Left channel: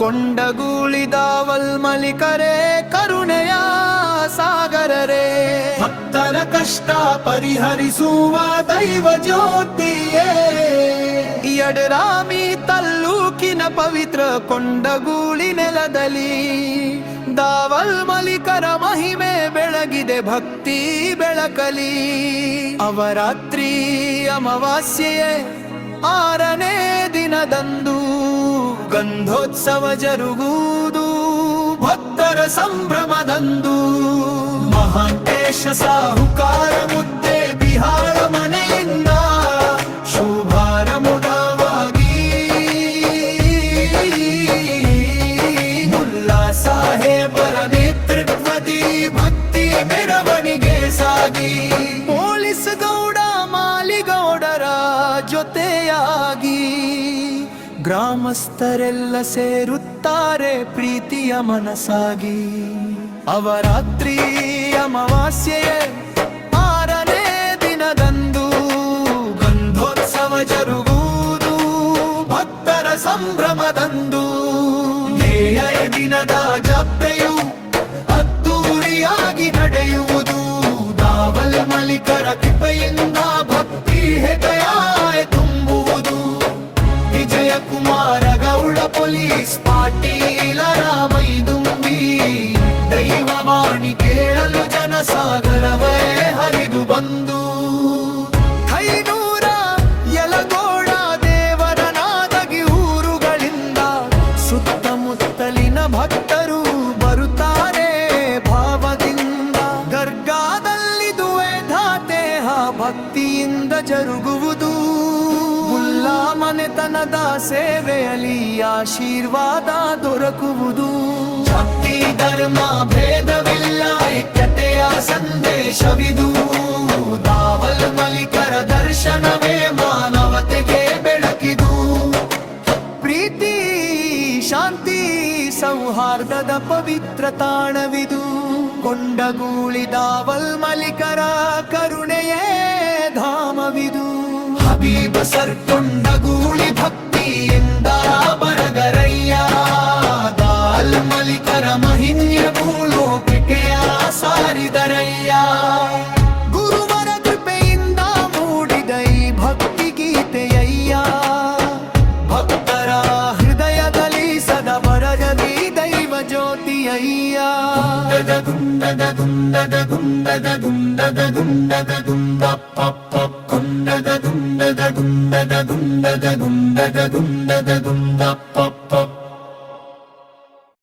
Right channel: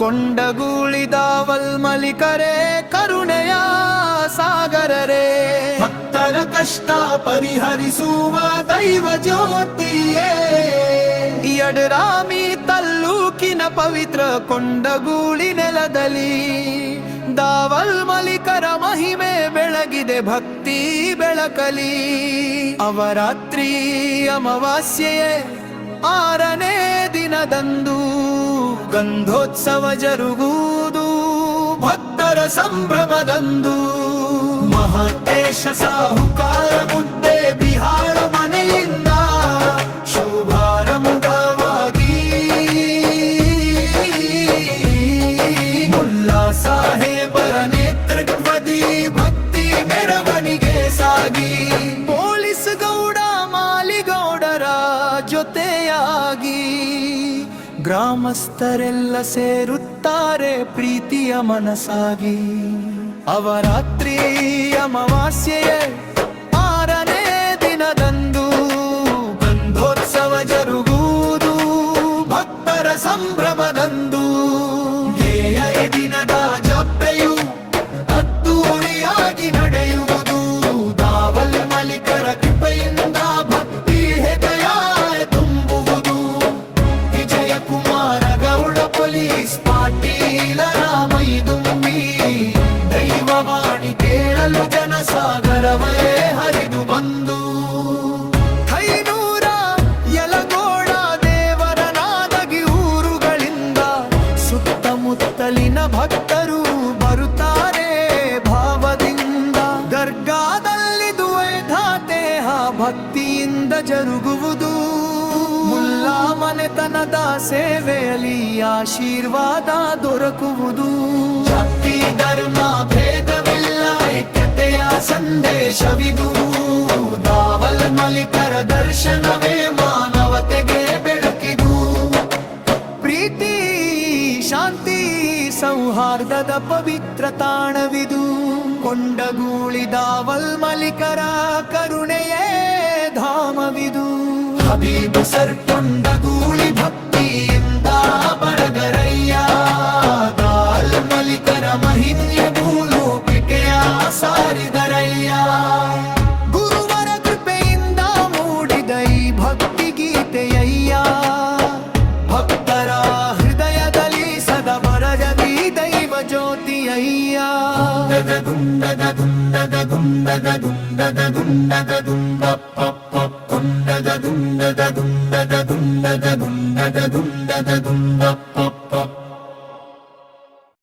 ಕೊಂಡಗೂಳಿದಾವಲ್ ಮಲಿಕರೇ ಕರುಣೆಯ ಸಾಗರರೇ, ಭಕ್ತರ ಕಷ್ಟ ಪರಿಹರಿಸುವ ದೈವ ಜ್ಯೋತಿಯೇ. ಯಡರಾಮಿ ತಾಲ್ಲೂಕಿನ ಪವಿತ್ರ ಕೊಂಡಗೂಳಿ ನೆಲದಲ್ಲಿ ದಾವಲ್ ಮಲಿಕರ ಮಹಿಮೆ ಬೆಳಗಿದೆ, ಭಕ್ತಿ ಬೆಳಕಲಿ. ಅವರಾತ್ರಿ ಅಮಾವಾಸ್ಯೆಯೇ 6ನೇ ದಿನದಂದು ಗಂಧೋತ್ಸವ ಜರುಗುವುದು ಭಕ್ತರ ಸಂಭ್ರಮದಂದು. ಮಹಾಂತೇಶ ಸಾಹುಕಾರ ಮುದ್ದೆ ಬಿಹಾರ ಮನೆಯಿಂದ ಶುಭಾರಂಭವಾಗಿ ಮುಲ್ಲಾ ಸಾಹೇಬರ ನೇತೃತ್ವದಿ ಭಕ್ತಿ ಮೆರವಣಿಗೆ ಸಾಗಿ, ಪೊಲೀಸ್ ಗೌಡ ಮಾಲಿಗೌಡರ ಜೊತೆಯಾಗಿ ಗ್ರಾಮಸ್ಥರೆಲ್ಲ ಸೇರುತ್ತಾರೆ ಪ್ರೀತಿಯ ಮನಸಾಗಿ. ಅವರಾತ್ರಿ ಅಮಾವಾಸ್ಯೆಯೇ 6ನೇ ದಿನದಂದು ಗಂಧೋತ್ಸವ ಜರುಗುವುದು ಭಕ್ತರ ಸಂಭ್ರಮದಂದು. ಈ ದಿನದ ಜಾತ್ರೆಯು ಅದ್ದೂರಿಯಾಗಿ ನಡೆಯುವುದು ದಾವಲ್ ಮಲಿಕರ ಕೃಪೆಯಿಂದ ಭಕ್ತಿ ಹೃದಯ ತುಂಬುವುದು. ವಿಜಯ ಕುಮಾರ ಗೌಡ ಪೊಲೀಸ್ ಪಾಟೀಲರ ಮೈದುಂಬಿ ದೈವವಾಣಿ ಕೇಳಲು ಜನಸಾಗರವೇ ಹರಿದು ಬಂದು. ಕೈನೂರ ಯಲಗೋಡ ದೇವರ ನಾದಗಿ ಊರುಗಳಿಂದ ಸುತ್ತಮುತ್ತಲಿನ ಭಕ್ತರು ಬರುತ್ತಾರೆ ಭಾವದಿಂದ. ದರ್ಗಾದಲ್ಲಿ ದ್ವೈಧಾತೇಹ ಭಕ್ತಿಯಿಂದ ಜರುಗುವುದು. ಮುಲ್ಲಾ ಮನೆತನದ ಸೇವೆಯಲ್ಲಿ ಆಶೀರ್ವಾದ ದೊರಕುವುದು. ಜಾತಿ ಧರ್ಮ ಭೇದವಿಲ್ಲ, ಐಕ್ಯತೆಯ ಸಂದೇಶವಿದು. ದಾವಲ್ ಮಲಿಕರ ದರ್ಶನವೇ ಮಾನವತೆಗೆ ಬೆಳಕಿದು. ಪ್ರೀತಿ ಶಾಂತಿ ಸೌಹಾರ್ದದ ಪವಿತ್ರ ತಾಣವಿದು. ಕೊಂಡಗೂಳಿ ದಾವಲ್ ಮಲಿಕರ ಕರುಣೆಯೇ ಧಾಮವಿದು. ಹಬೀಬ ಸರ್ ಕೊಂಡಗೂಳಿ ಭಕ್ತಿಯಿಂದ ಬರಗರಯ್ಯ, ದಾಲ್ ಮಲಿಕರ ಮಹಿಮ್ಯ ಭೂಲೋಕೆಯ ಸಾರಿದರಯ್ಯ. ಗುರುವರ ಕೃಪೆಯಿಂದ ಮೂಡಿದ ಈ ಭಕ್ತಿ ಗೀತೆಯಯ್ಯ, ಭಕ್ತರ ಹೃದಯದಲ್ಲಿ ಸದಾ ಬರಗದಿ ದೈವ ಜ್ಯೋತಿಯಯ್ಯ. ದುಂಡಗ ದುಂಡಗ ದುಂಡಗ ದುಂಡಗ ದುಂಡಗ ದುಂಡ ಪಪ್ಪ ಕೊಂಡಗ ದುಂಡಗ ದುಂಡಗ ದುಂಡಗ ದುಂಡಗ ದುಂಡಗ ದುಂಡ ಪಪ್ಪ